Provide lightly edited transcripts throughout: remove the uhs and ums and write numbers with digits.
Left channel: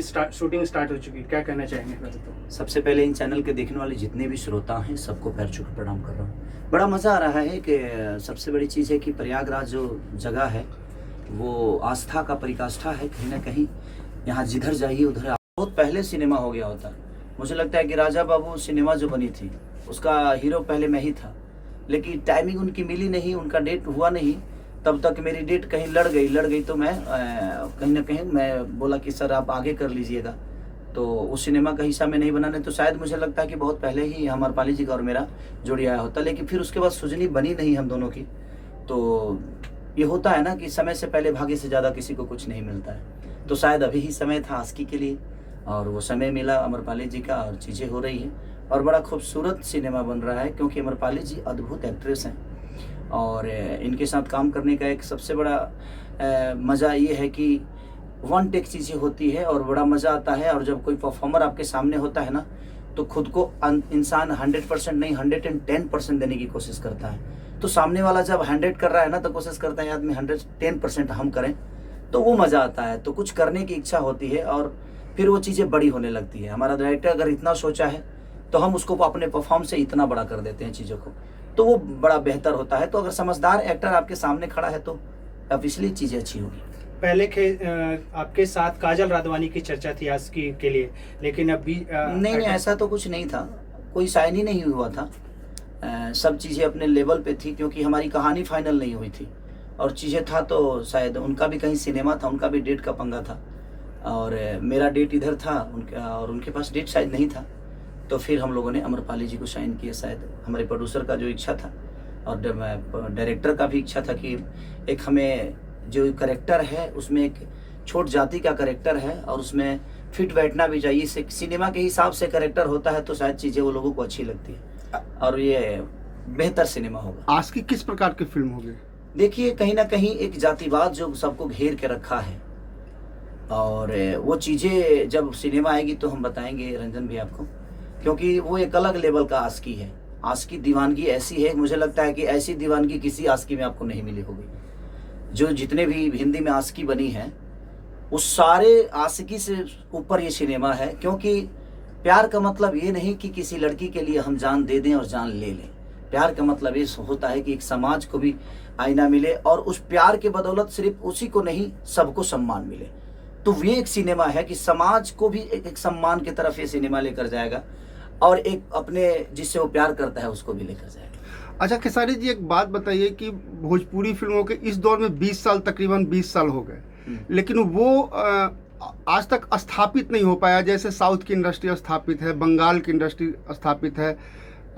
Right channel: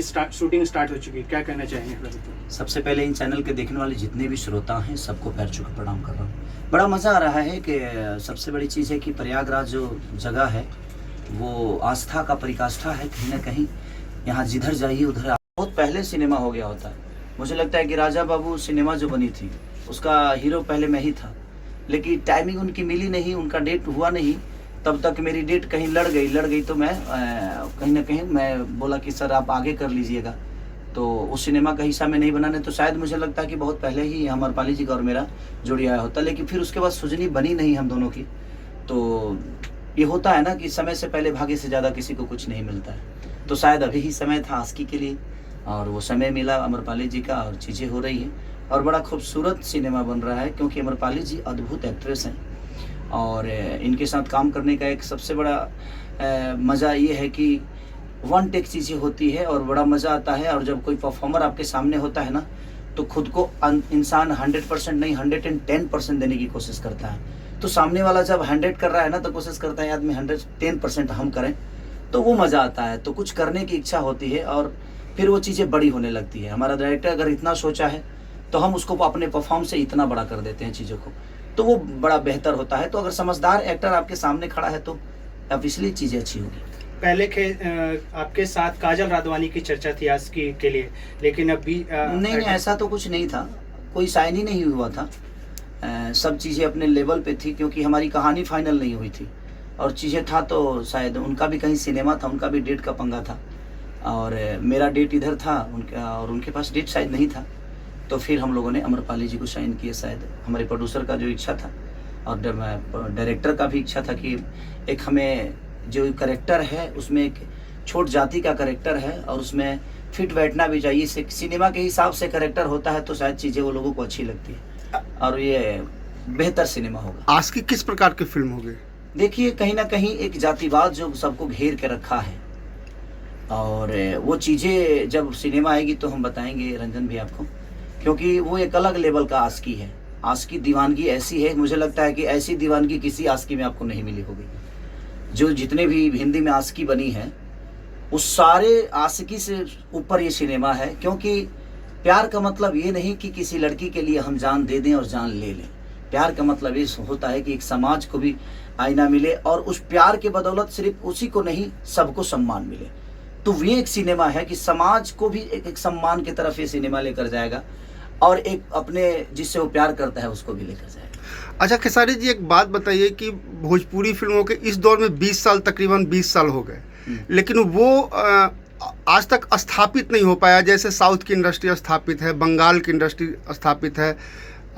Shooting start हो चुकी है, क्या कहना चाहेंगे फिर तो? सबसे पहले इन चैनल के देखने वाले जितने भी श्रोता हैं सबको पैर छू के प्रणाम कर रहा हूँ। बड़ा मज़ा आ रहा है कि सबसे बड़ी चीज़ है कि प्रयागराज जो जगह है वो आस्था का परिकाष्ठा है। कहीं ना कहीं यहाँ जिधर जाइए उधर बहुत पहले सिनेमा हो गया होता है। मुझे लगता है कि राजा बाबू सिनेमा जो बनी थी उसका हीरो पहले मैं ही था, लेकिन टाइमिंग उनकी मिली नहीं, उनका डेट हुआ नहीं। तब तक मेरी डेट कहीं लड़ गई तो मैं कहीं ना कहीं मैं बोला कि सर आप आगे कर लीजिएगा, तो उस सिनेमा का हिस्सा में नहीं बनाने, तो शायद मुझे लगता है कि बहुत पहले ही अमरपाली जी का और मेरा जोड़ी आया होता। लेकिन फिर उसके बाद सुजनी बनी नहीं हम दोनों की। तो ये होता है ना कि समय से पहले भाग्य से ज़्यादा किसी को कुछ नहीं मिलता है। तो शायद अभी ही समय था आस्की के लिए और वो समय मिला अमरपाली जी का और चीज़ें हो रही हैं और बड़ा खूबसूरत सिनेमा बन रहा है, क्योंकि अमरपाली जी अद्भुत एक्ट्रेस हैं और इनके साथ काम करने का एक सबसे बड़ा मज़ा ये है कि वन टेक चीज़ें होती है और बड़ा मज़ा आता है। और जब कोई परफॉर्मर आपके सामने होता है ना तो खुद को इंसान 100% नहीं 110% देने की कोशिश करता है। तो सामने वाला जब 100 कर रहा है ना तो कोशिश करता है आदमी 110% हम करें, तो वो मज़ा आता है। तो कुछ करने की इच्छा होती है और फिर वो चीज़ें बड़ी होने लगती है। हमारा डायरेक्टर अगर इतना सोचा है तो हम उसको अपने परफॉर्म से इतना बड़ा कर देते हैं चीज़ों को, तो वो बड़ा बेहतर होता है। तो अगर समझदार एक्टर आपके सामने खड़ा है तो ऑब्वियसली चीज़ें अच्छी होगी। पहले आपके साथ काजल राघवानी की चर्चा थी आस्की के लिए, लेकिन अभी नहीं ऐसा तो कुछ नहीं था, कोई साइन ही नहीं हुआ था। सब चीज़ें अपने लेवल पे थी, क्योंकि हमारी कहानी फाइनल नहीं हुई थी और चीज़ें था तो शायद उनका भी कहीं सिनेमा था, उनका भी डेट का पंगा था और मेरा डेट इधर था उनका और उनके पास डेट शायद नहीं था। तो फिर हम लोगों ने अमरपाली जी को साइन किए। शायद हमारे प्रोड्यूसर का जो इच्छा था और डायरेक्टर का भी इच्छा था कि एक हमें जो करेक्टर है उसमें एक छोट जाति का करेक्टर है और उसमें फिट बैठना भी चाहिए। सिनेमा के हिसाब से करेक्टर होता है तो शायद चीज़ें वो लोगों को अच्छी लगती है और ये बेहतर सिनेमा होगा। आज की किस प्रकार की फिल्म होगी? देखिए कहीं ना कहीं एक जातिवाद जो सबको घेर के रखा है और वो चीज़ें जब सिनेमा आएगी तो हम बताएंगे रंजन भी आपको, क्योंकि वो एक अलग लेवल का आस्की है। आस्की दीवानगी ऐसी है, मुझे लगता है कि ऐसी दीवानगी किसी आस्की में आपको नहीं मिली होगी। जो जितने भी हिंदी में आस्की बनी है उस सारे आस्की से ऊपर ये सिनेमा है, क्योंकि प्यार का मतलब ये नहीं कि किसी लड़की के लिए हम जान दे दें और जान ले लें। प्यार का मतलब ये होता है कि एक समाज को भी आईना मिले और उस प्यार के बदौलत सिर्फ उसी को नहीं सबको सम्मान मिले। तो ये एक सिनेमा है कि समाज को भी एक सम्मान की तरफ ये सिनेमा लेकर जाएगा और एक अपने जिससे वो प्यार करता है उसको भी लेकर जाएगा। अच्छा खेसारी जी, एक बात बताइए कि भोजपुरी फिल्मों के इस दौर में 20 साल तकरीबन 20 साल हो गए, लेकिन वो आज तक स्थापित नहीं हो पाया। जैसे साउथ की इंडस्ट्री स्थापित है, बंगाल की इंडस्ट्री स्थापित है,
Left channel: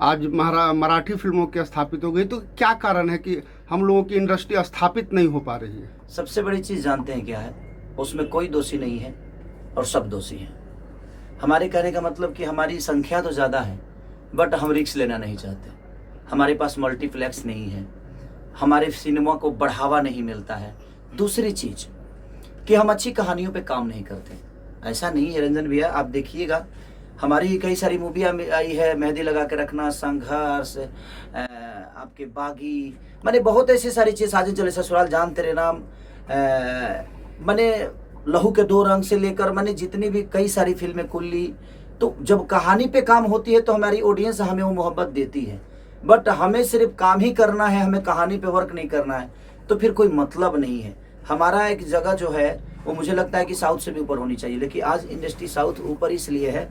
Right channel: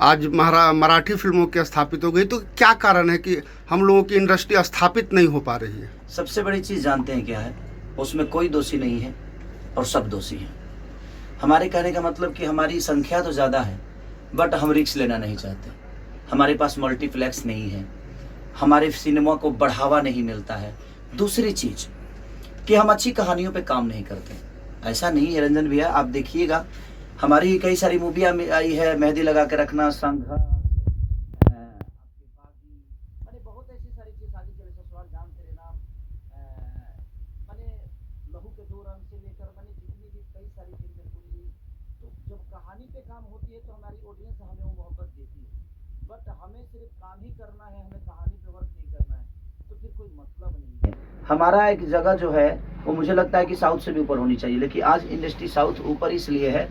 आज मराठी फिल्मों की स्थापित हो गई। तो क्या कारण है कि हम लोगों की इंडस्ट्री स्थापित नहीं हो पा रही है? सबसे बड़ी चीज़ जानते हैं क्या है? उसमें कोई दोषी नहीं है और सब दोषी हैं। हमारे कहने का मतलब कि हमारी संख्या तो ज़्यादा है बट हम रिस्क लेना नहीं चाहते। हमारे पास मल्टीप्लेक्स नहीं है, हमारे सिनेमा को बढ़ावा नहीं मिलता है। दूसरी चीज़ कि हम अच्छी कहानियों पे काम नहीं करते। ऐसा नहीं है रंजन भैया, आप देखिएगा हमारी कई सारी मूवियाँ आई है, मेहंदी लगा के रखना, संघर्ष, आपके बागी, मैंने बहुत ऐसी सारी चीज़, साजिद चले ससुराल, जान तेरे नाम, मैंने लहू के दो रंग से लेकर मैंने जितनी भी कई सारी फिल्में, कुल्ली। तो जब कहानी पे काम होती है तो हमारी ऑडियंस हमें वो मोहब्बत देती है, बट हमें सिर्फ काम ही करना है, हमें कहानी पे वर्क नहीं करना है तो फिर कोई मतलब नहीं है। हमारा एक जगह जो है वो मुझे लगता है कि साउथ से भी ऊपर होनी चाहिए, लेकिन आज इंडस्ट्री साउथ ऊपर इसलिए है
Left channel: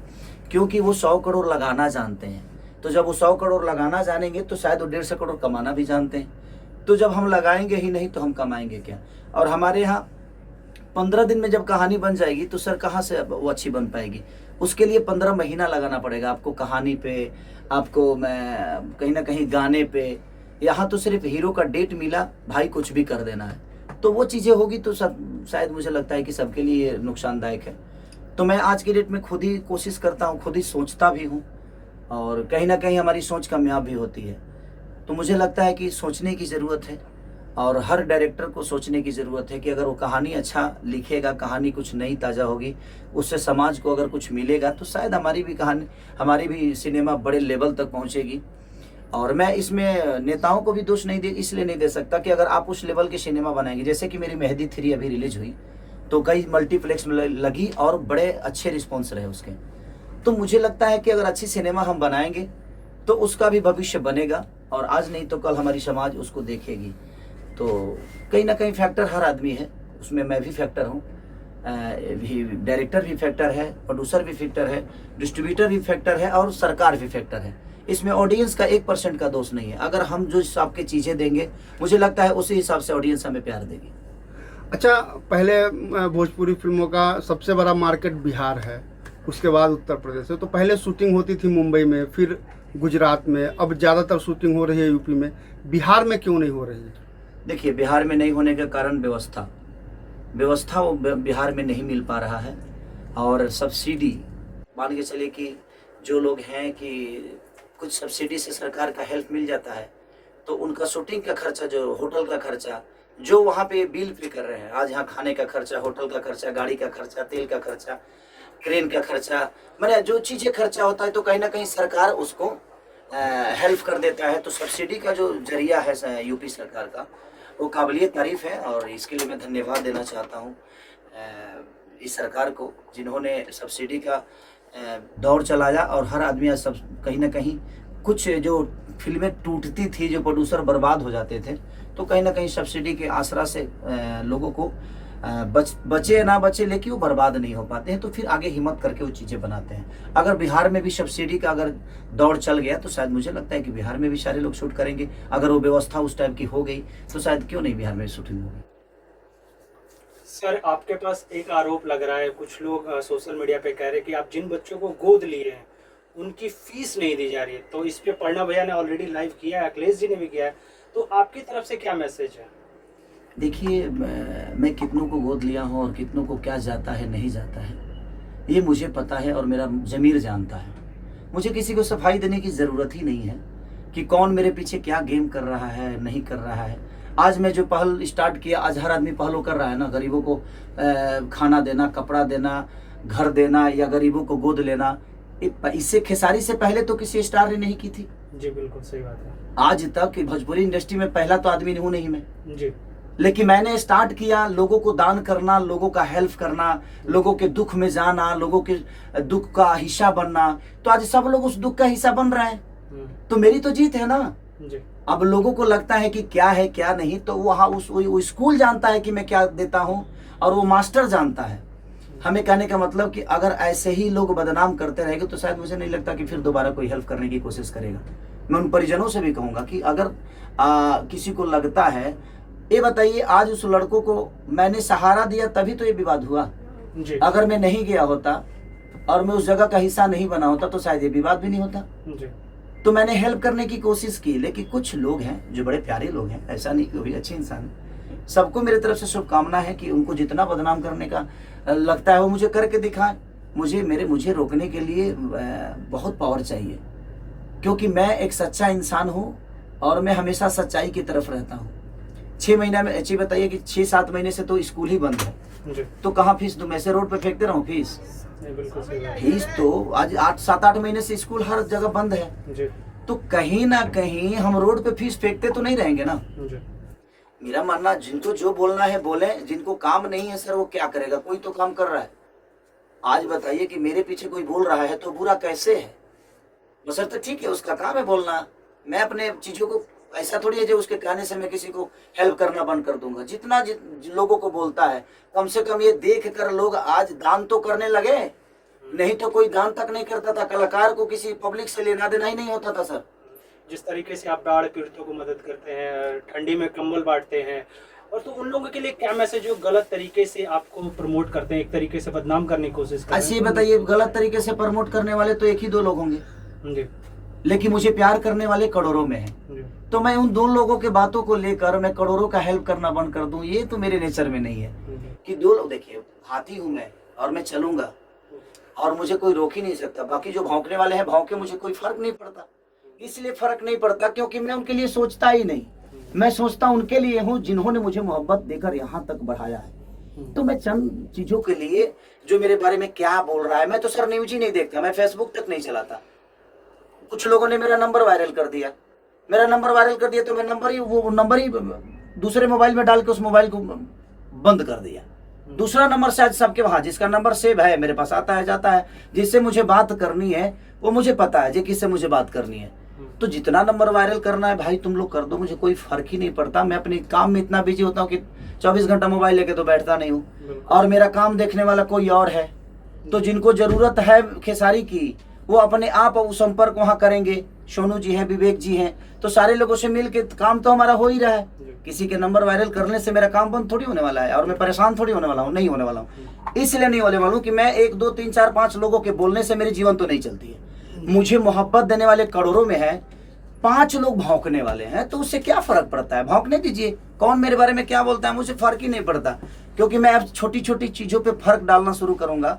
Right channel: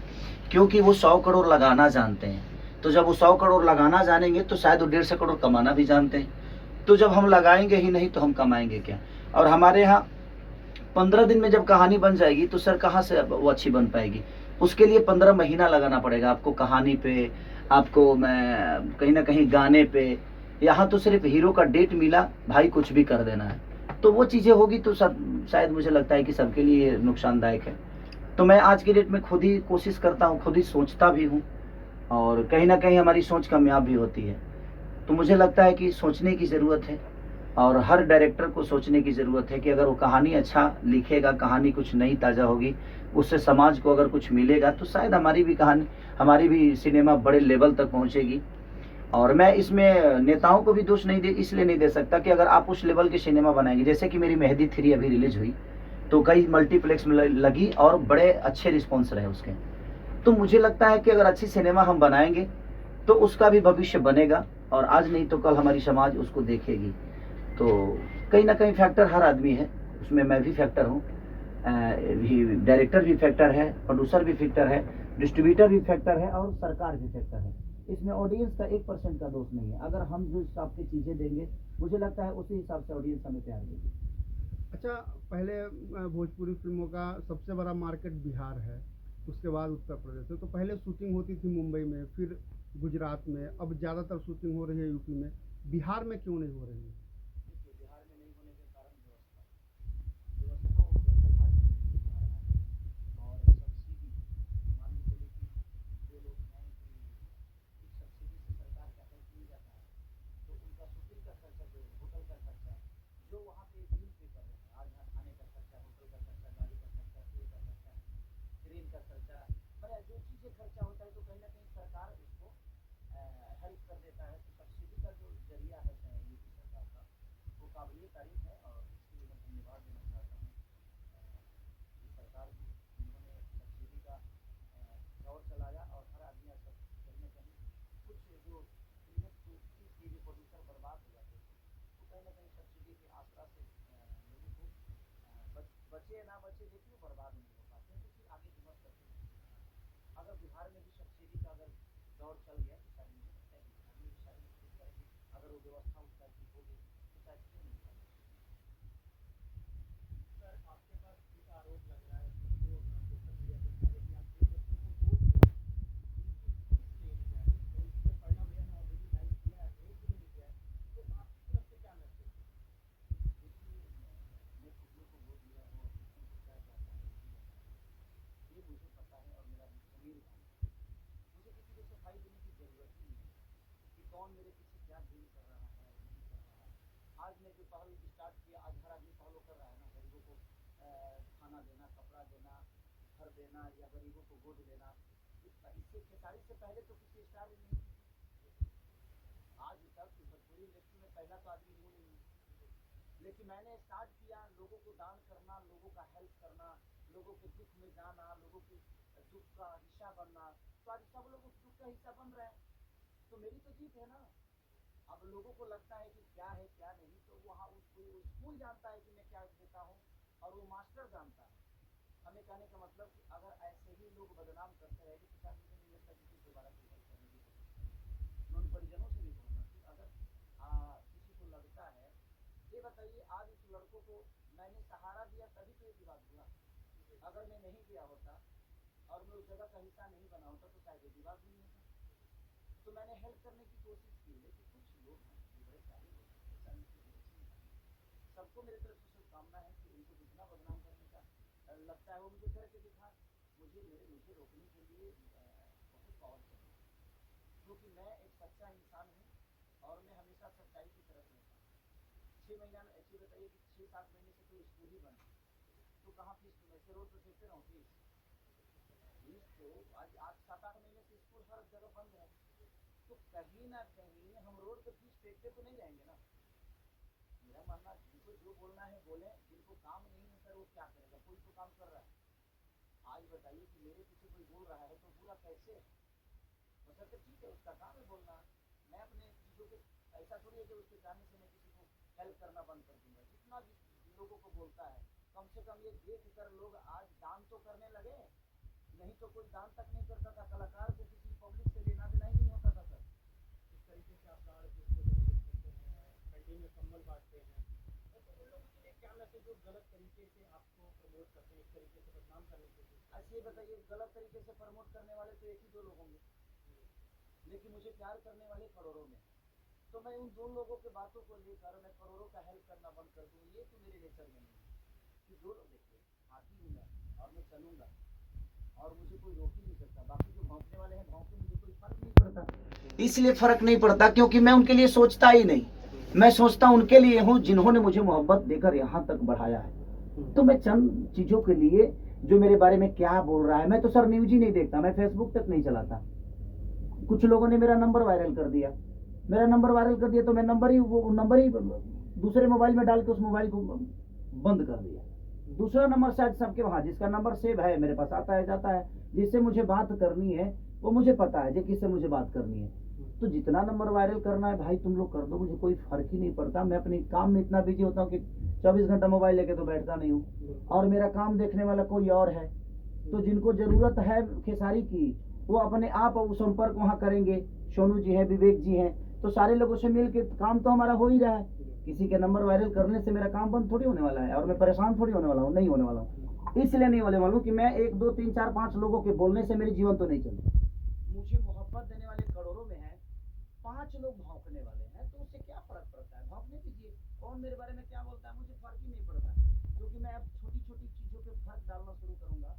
क्योंकि वो 100 करोड़ लगाना जानते हैं। तो जब वो 100 करोड़ लगाना जानेंगे तो शायद वो 150 करोड़ कमाना भी जानते हैं। तो जब हम लगाएंगे ही नहीं तो हम कमाएंगे क्या? और हमारे यहाँ 15 दिन में जब कहानी बन जाएगी तो सर कहाँ से वो अच्छी बन पाएगी? उसके लिए 15 महीना लगाना पड़ेगा आपको कहानी पे, आपको मैं कहीं ना कहीं गाने पे। यहाँ तो सिर्फ हीरो का डेट मिला, भाई कुछ भी कर देना है, तो वो चीज़ें होगी तो सब शायद मुझे लगता है कि सबके लिए नुकसानदायक है। तो मैं आज की डेट में खुद ही कोशिश करता हूँ, खुद ही सोचता भी हूँ और कहीं ना कहीं हमारी सोच कामयाब भी होती है। तो मुझे लगता है कि सोचने की ज़रूरत है और हर डायरेक्टर को सोचने की ज़रूरत है कि अगर वो कहानी अच्छा लिखेगा, कहानी कुछ नई ताज़ा होगी, उससे समाज को अगर कुछ मिलेगा तो शायद हमारी भी कहानी, हमारी भी सिनेमा बड़े लेवल तक पहुंचेगी। और मैं इसमें नेताओं को भी दोष नहीं इसलिए नहीं दे सकता कि अगर आप उस लेवल की सिनेमा बनाएंगे, जैसे कि मेरी मेहंदी 3 अभी रिलीज हुई तो कई मल्टीप्लेक्स में लगी और बड़े अच्छे रिस्पॉन्स रहे उसके। तो मुझे लगता है कि अगर अच्छी सिनेमा हम बनाएंगे तो उसका भी भविष्य बनेगा, और आज नहीं तो कल हमारी समाज उसको देखेगी। तो कहीं ना कहीं फैक्टर हर आदमी है, उसमें मैं भी फैक्टर हूँ, डायरेक्टर भी फैक्टर है, प्रोड्यूसर भी फैक्टर है, डिस्ट्रीब्यूटर भी फैक्टर है, और सरकार भी फैक्टर है। इसमें ऑडियंस का 1% का दोष नहीं है। अगर हम जो हिसाब की चीज़ें देंगे, मुझे लगता है उसी हिसाब से ऑडियंस हमें प्यार देगी। अच्छा, पहले भोजपुरी फिल्मों का सबसे बड़ा मार्केट बिहार है, उसके बाद उत्तर प्रदेश है। तो पहले शूटिंग होती थी मुंबई में, फिर गुजरात में, अब ज़्यादातर शूटिंग हो रही है यूपी में। बिहार में क्यों नहीं हो रही है? देखिए, बिहार में नहीं होने का कारण व्यवस्था वो बिहार में नहीं मिल पा रहा है। और सब्सिडी, मान के चलिए कि जो लोग हैं कि कुछ सब्सिडी से सरकार का हेल्प मिल जाता है, तो उनका शूटिंग का खर्चा, जो होटल का खर्चा, जो वहाँ पे बिल पे कर रहे हैं, आज यहाँ खाने का खर्चा, होटल का खर्चा, गाड़ी का खर्चा, तेल का खर्चा, क्रेन का खर्चा, मैंने जो चीज़ें खर्चा होता है, तो कहीं ना कहीं सरकार उसको हेल्प कर देता है। तो सब्सिडी का जो जरिया है यूपी सरकार का, वो काबिलियत तारीफ़ है, और इसके लिए मैं धन्यवाद देना चाहता हूँ इस सरकार को, जिन्होंने सब्सिडी का दौर चलाया। और हर आदमी आज सब कहीं ना कहीं, कुछ जो फिल्में टूटती थी, जो प्रोड्यूसर बर्बाद हो जाते थे, तो कहीं ना कहीं सब्सिडी के आसरा से लोगों को बचे ना बचे, लेकिन वो बर्बाद नहीं हो पाते हैं, तो फिर आगे हिम्मत करके वो चीज़ें बनाते हैं। अगर बिहार में भी सब्सिडी का अगर दौर चल गया, तो शायद मुझे लगता है कि बिहार में भी सारे लोग शूट करेंगे। अगर वो व्यवस्था उस टाइप की हो गई, तो शायद क्यों नहीं बिहार में शूटिंग होगी। सर, आपके पास एक आरोप लग रहा है, कुछ लोग सोशल मीडिया पे कह रहे हैं कि आप जिन बच्चों को गोद लिए हैं उनकी फीस नहीं दी जा रही है। तो इस पे पढ़ना भैया ने ऑलरेडी लाइव किया है, अखिलेश जी ने भी किया है, तो आपकी तरफ से क्या मैसेज है? देखिए, मैं कितनों को गोद लिया हूँ और कितनों को क्या जाता है नहीं जाता है, ये मुझे पता है, और मेरा ज़मीर जानता है। मुझे किसी को सफाई देने की ज़रूरत ही नहीं है कि कौन मेरे पीछे क्या गेम कर रहा है, नहीं कर रहा है। आज मैं जो पहल स्टार्ट किया, आज हर आदमी पहल कर रहा है ना, गरीबों को खाना देना, कपड़ा देना, घर देना, या गरीबों को गोद लेना। इससे खेसारी से पहले तो किसी स्टार ने नहीं की थी। जी बिल्कुल सही बात है। आज तक भोजपुरी इंडस्ट्री में पहला तो आदमी हूँ नहीं मैं जी, लेकिन मैंने स्टार्ट किया लोगों को दान करना, लोगों का हेल्प करना, लोगों के दुख में जाना, लोगों के दुख का हिस्सा बनना। तो आज सब लोग उस दुख का हिस्सा बन रहे हैं, तो मेरी तो जीत है ना। जी। अब लोगों को लगता है कि क्या है क्या नहीं, तो वहाँ वो स्कूल जानता है कि मैं क्या देता हूँ, और वो मास्टर जानता है। हमें कहने का मतलब कि अगर ऐसे ही लोग बदनाम करते रहेंगे, तो शायद मुझे नहीं लगता कि फिर दोबारा कोई हेल्प करने की कोशिश करेगा। मैं उन परिजनों से भी कहूँगा कि अगर किसी को लगता है, ये बताइए, आज उस लड़कों को मैंने सहारा दिया तभी तो ये विवाद हुआ। जी। अगर मैं नहीं गया होता और मैं उस जगह का हिस्सा नहीं बना होता, तो शायद ये विवाद भी नहीं होता। जी। तो मैंने हेल्प करने की कोशिश की, लेकिन कुछ लोग हैं जो बड़े प्यारे लोग हैं, ऐसा नहीं कि वो भी अच्छे इंसान हैं। सबको मेरी तरफ से शुभकामना है कि उनको जितना बदनाम करने का लगता है वो मुझे करके दिखाएं। मुझे रोकने के लिए बहुत पावर चाहिए, क्योंकि मैं एक सच्चा इंसान हूँ और मैं हमेशा सच्चाई की तरफ रहता हूँ। 6 महीना में अच्छी बताइए कि 6-7 महीने से तो स्कूल ही बंद है, जी। तो कहाँ फीस दूँ? मैं ऐसे रोड पे फेंकते रहूँ फीस? बिल्कुल सही बात है। फीस तो आज 7-8 महीने से स्कूल हर जगह बंद है, जी। तो कहीं ना कहीं हम रोड पे फीस फेंकते तो नहीं रहेंगे ना। जी। मेरा मानना, जिनको जो बोलना है बोले, जिनको काम नहीं है सर वो क्या करेगा? कोई तो काम कर रहा है। आज बताइए कि मेरे पीछे कोई बोल रहा है तो बुरा कैसे है? बसर तो ठीक है, उसका काम है बोलना। मैं अपने चीज़ों को ऐसा थोड़ी है जो उसके कहने से मैं किसी को हेल्प करना बंद कर दूंगा। जितना लोगों को बोलता है, कम से कम ये देख कर लोग आज दान तो करने लगे, नहीं तो कोई दान तक नहीं करता था। कलाकार को किसी पब्लिक से लेना देना ही नहीं होता था सर। जिस तरीके से आप बाढ़ पीड़ितों को मदद करते हैं, ठंडी में कंबल बांटते हैं, और तो उन लोगों के लिए क्या मैसेज जो गलत तरीके से आपको प्रमोट करते हैं, एक तरीके से बदनाम करने की कोशिश करते हैं? ऐसे बताइए, गलत तरीके से प्रमोट करने वाले तो 1 ही 2 लोग होंगे, जी। लेकिन मुझे प्यार करने वाले करोड़ों में हैं। जी। तो मैं उन 2 लोगों के बातों को लेकर मैं करोड़ों का हेल्प करना बंद कर दूं, ये तो मेरे नेचर में नहीं है। कि 2 लोग, देखिए हाथी हूं मैं और मैं चलूंगा और मुझे कोई रोक ही नहीं सकता। बाकी जो भौंकने वाले हैं भौंके, मुझे कोई फर्क नहीं पड़ता। इसलिए फर्क नहीं पड़ता क्योंकि मैं उनके लिए सोचता ही नहीं। मैं सोचता उनके लिए हूँ जिन्होंने मुझे मोहब्बत देकर यहाँ तक बढ़ाया है। तो मैं चंद चीजों के लिए, जो मेरे बारे में क्या बोल रहा है, मैं तो सर न्यूज ही नहीं देखता, मैं फेसबुक तक नहीं चलाता। कुछ लोगों ने मेरा नंबर वायरल कर दिया, तो मैं वो नंबर ही दूसरे मोबाइल में डाल के उस मोबाइल को बंद कर दिया। दूसरा नंबर शायद सबके वहाँ, जिसका नंबर सेव है मेरे पास आता है जाता है, जिससे मुझे बात करनी है वो मुझे पता है, किससे मुझे बात करनी है। तो जितना नंबर वायरल करना है भाई तुम लोग कर दो, मुझे कोई फर्क ही नहीं पड़ता। मैं अपने काम में इतना बिजी होता हूँ कि 24 घंटा मोबाइल लेके तो बैठता नहीं हूँ, और मेरा काम देखने वाला कोई और है। तो जिनको जरूरत है खेसारी की वो अपने आप वो संपर्क वहाँ करेंगे। सोनू जी हैं, विवेक जी हैं, तो सारे लोगों से मिल के काम तो हमारा हो ही रहा है। किसी के नंबर वायरल करने से मेरा काम बंद थोड़ी होने वाला है, और मैं परेशान थोड़ी होने वाला हूँ, नहीं होने वाला हूँ। इसलिए नहीं होने वाला हूँ कि मैं 1 2 3 4 5 लोगों के बोलने से मेरी जीवन तो नहीं चलती है। मुझे मोहब्बत देने वाले करोड़ों में है, 5 लोग भौंकने वाले हैं, तो उससे क्या फर्क पड़ता है? भौंकने दीजिए, कौन मेरे बारे में क्या बोलता है मुझे फर्क ही नहीं पड़ता। क्योंकि मैं अब छोटी छोटी चीज़ों पे फर्क डालना शुरू करूंगा,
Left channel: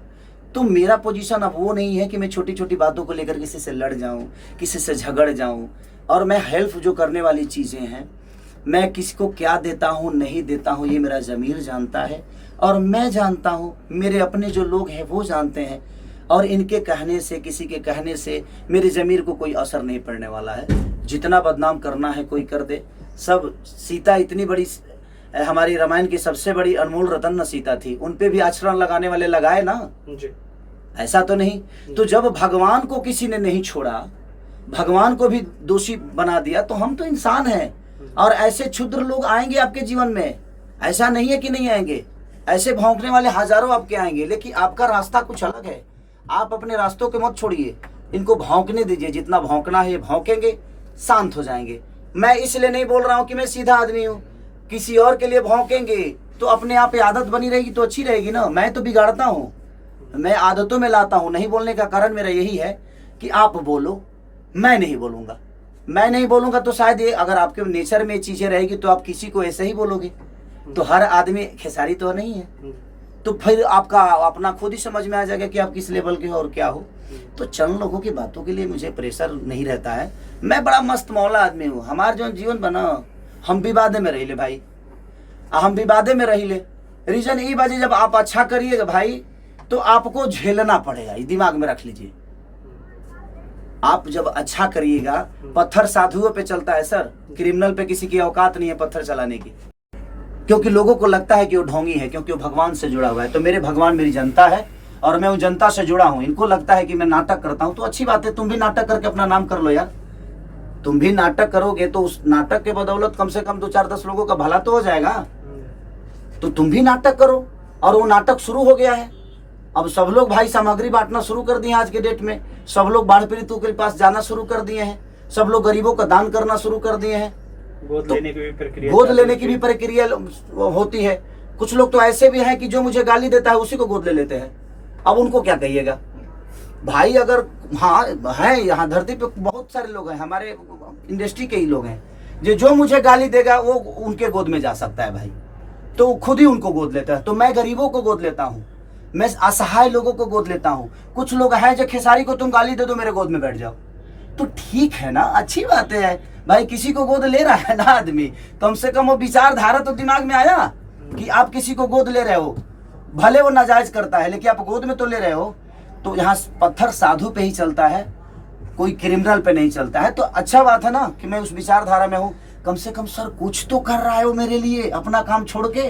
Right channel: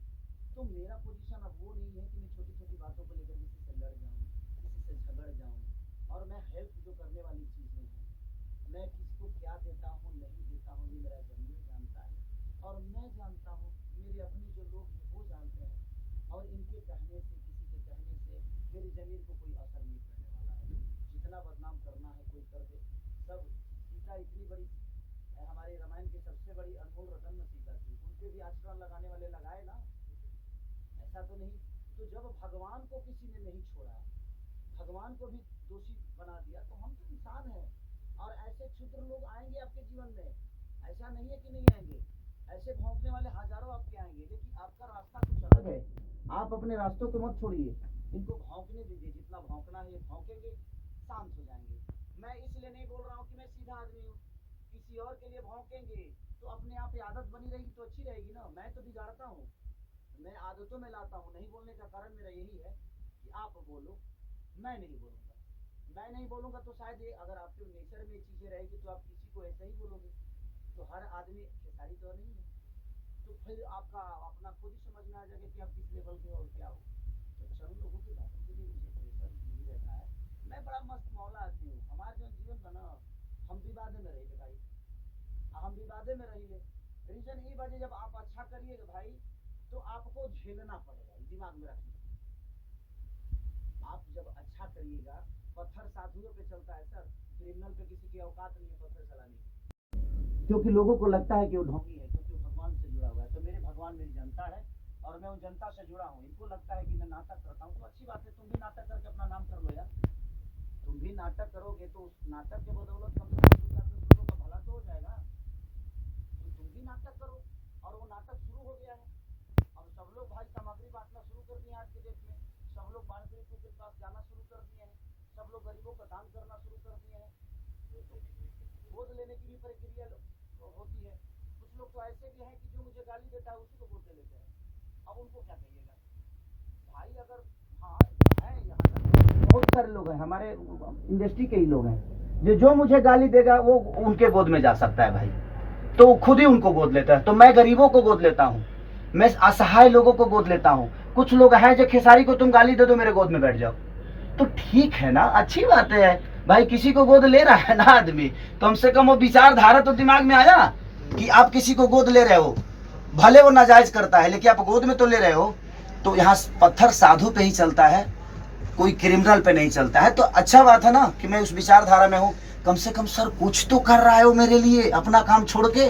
तो मेरा पोजीशन अब वो नहीं है कि मैं छोटी छोटी बातों को लेकर किसी से लड़ जाऊं, किसी से झगड़ जाऊं। और मैं हेल्प जो करने वाली चीज़ें हैं, मैं किसी को क्या देता हूं नहीं देता हूं, ये मेरा ज़मीर जानता है, और मैं जानता हूं, मेरे अपने जो लोग हैं वो जानते हैं। और इनके कहने से, किसी के कहने से मेरे ज़मीर को कोई असर नहीं पड़ने वाला है। जितना बदनाम करना है कोई कर दे। सब सीता इतनी बड़ी, हमारी रामायण की सबसे बड़ी अनमोल रतन न सीता थी, उन पे भी आचरण लगाने वाले लगाए ना जी। ऐसा तो नहीं। तो जब भगवान को किसी ने नहीं छोड़ा, भगवान को भी दोषी बना दिया, तो हम तो इंसान हैं। और ऐसे क्षुद्र लोग आएंगे आपके जीवन में, ऐसा नहीं है कि नहीं आएंगे। ऐसे भौंकने वाले हजारों आपके आएंगे, लेकिन आपका रास्ता कुछ अलग है। आप अपने रास्तों के मत छोड़िए, इनको भौंकने दीजिए। जितना भौंकना है भौंकेंगे, शांत हो जाएंगे। मैं इसलिए नहीं बोल रहा हूँ कि मैं सीधा आदमी हूँ। किसी और के लिए भौंकेंगे तो अपने आप आदत बनी रहेगी तो अच्छी रहेगी ना। मैं तो बिगाड़ता हूँ, मैं आदतों में लाता हूँ। नहीं बोलने का कारण मेरा यही है कि आप बोलो, मैं नहीं बोलूँगा। मैं नहीं बोलूँगा तो शायद ये, अगर आपके नेचर में चीज़ें रहेगी तो आप किसी को ऐसे ही बोलोगे। तो हर आदमी खेसारी तो नहीं है, तो फिर आपका अपना खुद ही समझ में आ जाएगा कि आप किस लेवल के हो और क्या हो। तो चंद लोगों की बातों के लिए मुझे प्रेशर नहीं रहता है। मैं बड़ा मस्त मौला आदमी हूँ। हमारा जो जीवन बना, हम विवादे में रही ले भाई, हम विवादे में रही ले। रीजन ये बाजी, जब आप अच्छा करिएगा भाई तो आपको झेलना पड़ेगा, ये दिमाग में रख लीजिए। आप जब अच्छा करिएगा, पत्थर साधुओं पे चलता है सर, क्रिमिनल पे किसी की औकात नहीं है पत्थर चलाने की। क्योंकि लोगों को लगता है कि वो ढोंगी है, क्योंकि वो भगवान से जुड़ा हुआ है। तो मेरे भगवान मेरी जनता है, और मैं उन जनता से जुड़ा हूँ। इनको लगता है कि मैं नाटक करता हूँ, तो अच्छी बात है, तुम भी नाटक करके अपना नाम कर लो यार। तुम भी नाटक करोगे तो उस नाटक के बदौलत कम से कम 2 4 10 लोगों का भला तो हो जाएगा। तो तुम भी नाटक करो, और वो नाटक शुरू हो गया है। अब सब लोग भाई सामग्री बांटना शुरू कर दिए हैं। आज के डेट में सब लोग बाढ़ पीड़ितों के पास जाना शुरू कर दिए हैं, सब लोग गरीबों का दान करना शुरू कर दिए हैं। गोद लेने की भी प्रक्रिया होती है। कुछ लोग तो ऐसे भी हैं कि जो मुझे गाली देता है उसी को गोद ले लेते हैं। अब उनको क्या कहिएगा भाई? अगर हाँ है, यहाँ धरती पे बहुत सारे लोग हैं, हमारे इंडस्ट्री के ही लोग हैं, जो मुझे गाली देगा वो उनके गोद में जा सकता है भाई। तो खुद ही उनको गोद लेता है। तो मैं गरीबों को गोद लेता हूँ, मैं असहाय लोगों को गोद लेता हूँ। कुछ लोग हैं जो खेसारी को तुम गाली दे दो मेरे गोद में बैठ जाओ, तो ठीक है ना, अच्छी बात है भाई। किसी को गोद ले रहा है ना आदमी, कम से कम वो विचारधारा तो दिमाग में आया कि आप किसी को गोद ले रहे हो। भले वो नाजायज करता है, लेकिन आप गोद में तो ले रहे हो। तो यहाँ पत्थर साधु पे ही चलता है, कोई क्रिमिनल पे नहीं चलता है। तो अच्छा बात है ना कि मैं उस विचारधारा में हूँ। कम से कम सर कुछ तो कर रहा है वो मेरे लिए, अपना काम छोड़ के।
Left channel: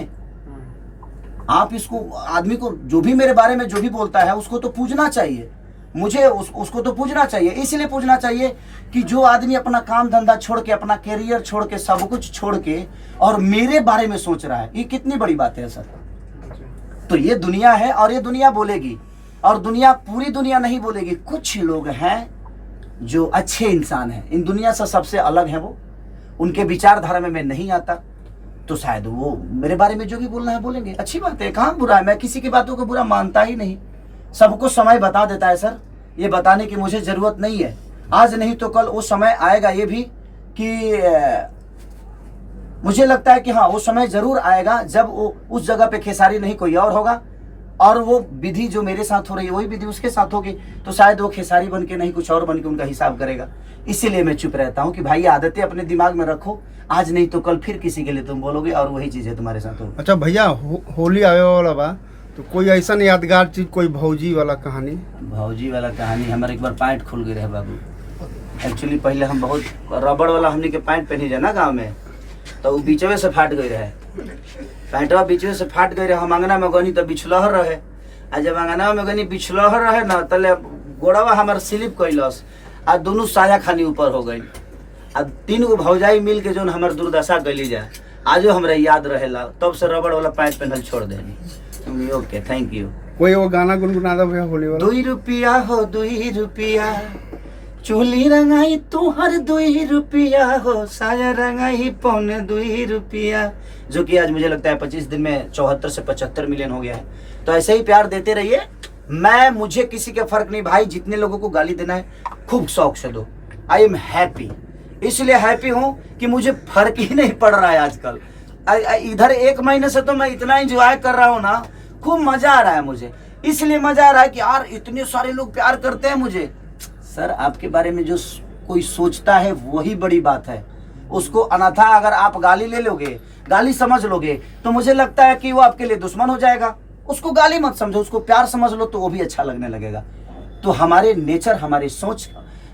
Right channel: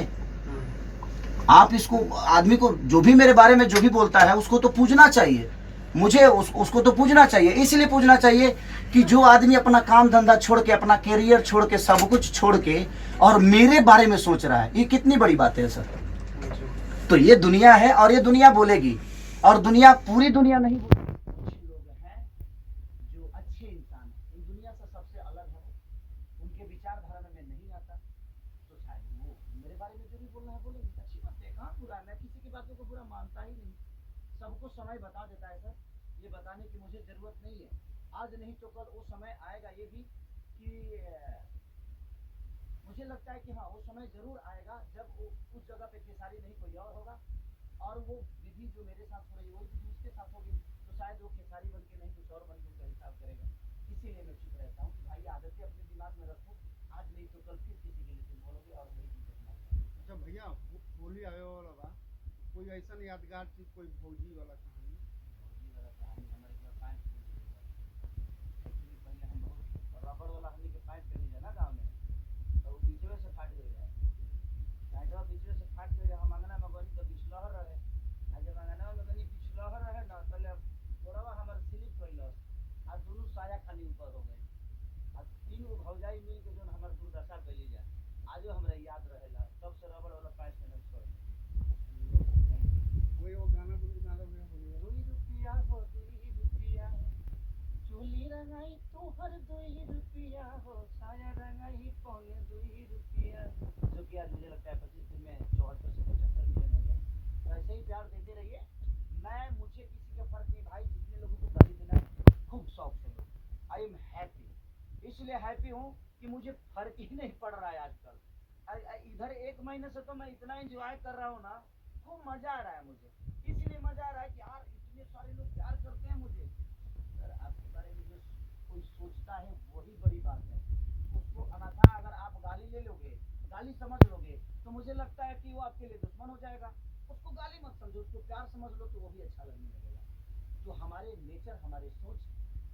आप इसको, आदमी को जो भी मेरे बारे में जो भी बोलता है उसको तो पूजना चाहिए। मुझे उसको तो पूजना चाहिए। इसलिए पूजना चाहिए कि जो आदमी अपना काम धंधा छोड़ के, अपना कैरियर छोड़ के, सब कुछ छोड़ के और मेरे बारे में सोच रहा है, ये कितनी बड़ी बात है सर। तो ये दुनिया है, और ये दुनिया बोलेगी, और दुनिया, पूरी दुनिया नहीं बोलेगी। कुछ लोग हैं जो अच्छे इंसान हैं, इन दुनिया से सबसे अलग हैं वो। उनके विचारधारा में मैं नहीं आता, तो शायद वो मेरे बारे में जो भी बोलना है बोलेंगे। अच्छी बात है, कहाँ बुरा है? मैं किसी की बातों को बुरा मानता ही नहीं। सबको समय बता देता है सर, ये बताने की मुझे जरूरत नहीं है। आज नहीं तो कल वो समय आएगा, ये भी कि मुझे लगता है कि हाँ वो समय जरूर आएगा जब वो उस जगह पे खेसारी नहीं कोई और होगा, और वो विधि जो मेरे साथ हो रही है वही विधि उसके साथ होगी। तो शायद वो खेसारी बन के नहीं कुछ और बन के उनका हिसाब करेगा। इसीलिए मैं चुप रहता हूँ कि भाई आदतें अपने दिमाग में रखो, आज नहीं तो कल फिर किसी के लिए तुम बोलोगे और वही चीजें तुम्हारे साथ होगी। अच्छा भैया, होली आवे वाला बा, तो कोई ऐसा यादगार चीज, कोई भौजी वाला कहानी? भौजी वाला कहानी, हमारे एक बार पैंट खुल गए रहे बाबू। एक्चुअली पहले हम बहुत रबड़ वाला हमने के पैंट पहनी जाए ना गाँव में, तो वो बीचवे से फाट गई रहे। पैंटवा बीच से फाट गई रहे, हम अंगना में गनी तो बिछलहर रहे, आ जब अंगना में गनी बिछलहर रहे ना तले गोड़वा हमार स्लिप कैलस आ दोनों साया खानी ऊपर हो गई। आ 3 गो भौजाई मिल के जो हमार दुर्दशा कैली जाए आजो हमरा याद रहेला, तब से रबड़ वाला पैंट पहनल छोड़ देनी। Okay, thank you. कोई वो गाना गुनगुना दो भैया होली वाला। 2 रुपया हो 2 रुपया, चोली रंगाई तुहर 2 रुपया हो, साया रंगाई 2.25 रुपया, जो कि आज मुझे लगता है 25 दिन में 74 से 75 मिलियन हो गया है। तो ऐसे ही प्यार देते रहिए। मुझे किसी का फर्क नहीं भाई, जितने लोगों को गाली देना है खूब शौक से दो। आई एम हैप्पी, इसलिए हैप्पी हूँ कि मुझे फर्क ही नहीं पड़ रहा है आजकल। इधर 1 महीने से तो मैं इतना एंजॉय कर रहा हूँ ना, खूब मजा आ रहा है मुझे। इसलिए मजा आ रहा है कि यार इतने सारे लोग प्यार करते हैं मुझे। सर आपके बारे में जो कोई सोचता है वही बड़ी बात है। उसको अनाथा अगर आप गाली ले लोगे, गाली समझ लोगे, तो मुझे लगता है कि वो आपके लिए दुश्मन हो जाएगा। उसको गाली मत समझो, उसको प्यार समझ लो, तो वो भी अच्छा लगने लगेगा। तो हमारे नेचर, हमारी सोच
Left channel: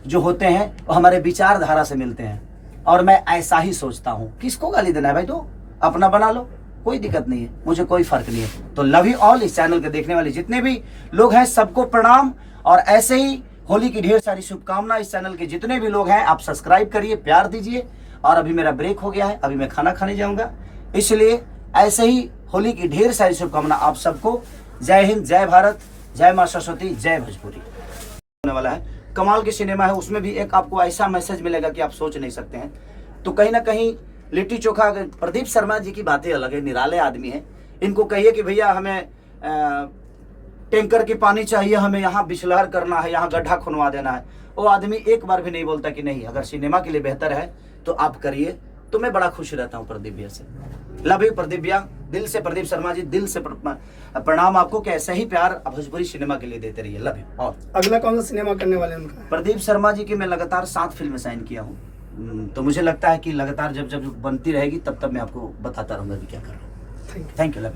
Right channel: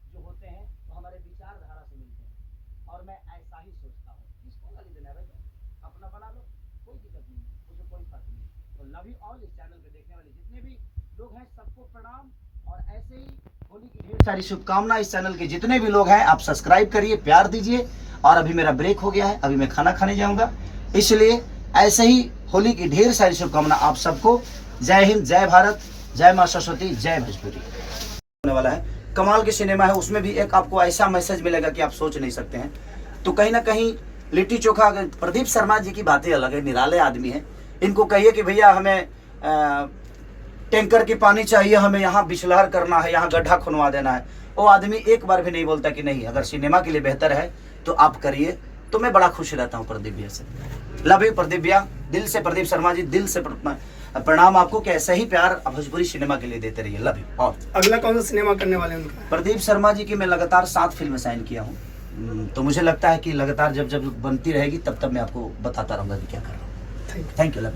जो होते हैं वो हमारे विचारधारा से मिलते हैं, और मैं ऐसा ही सोचता हूँ। किसको गाली देना है भाई, तो अपना बना लो, कोई दिक्कत नहीं है, मुझे कोई फर्क नहीं है। तो लव यू ऑल। इस चैनल के देखने वाले जितने भी लोग हैं सबको प्रणाम, और ऐसे ही होली की ढेर सारी शुभकामना। इस चैनल के जितने भी लोग हैं आप सब्सक्राइब करिए, प्यार दीजिए। और अभी मेरा ब्रेक हो गया है, अभी मैं खाना खाने जाऊंगा, इसलिए ऐसे ही होली की ढेर सारी शुभकामना आप सबको। जय हिंद, जय भारत, जय मां सरस्वती, जय भोजपुरी। होने वाला है कमाल की सिनेमा है, उसमें भी एक आपको ऐसा मैसेज मिलेगा कि आप सोच नहीं सकते हैं। तो कहीं ना कहीं लिट्टी चोखा, प्रदीप शर्मा जी की बातें अलग है, निराले आदमी है। इनको कहिए कि भैया हमें टैंकर की पानी चाहिए, हमें यहाँ बिछलहर करना है, यहाँ गड्ढा खुनवा देना है, वो आदमी एक बार भी नहीं बोलता कि नहीं, अगर सिनेमा के लिए बेहतर है तो आप करिए। तो मैं बड़ा खुश रहता हूँ प्रदीप भैया से। लव यू प्रदीप भैया, दिल से। प्रदीप शर्मा जी, दिल से प्रणाम आपको कि ऐसा ही प्यार भोजपुरी सिनेमा के लिए देते रहिए। Love you. और अगला कौन सा सिनेमा करने वाले हैं उनका? प्रदीप शर्मा जी की मैं लगातार 7 फिल्में साइन किया हूँ, तो मुझे लगता है कि लगातार जब जब बनती रहेगी तब तब मैं आपको बताता रहूँगा कि क्या कर रहा हूँ। Thank you.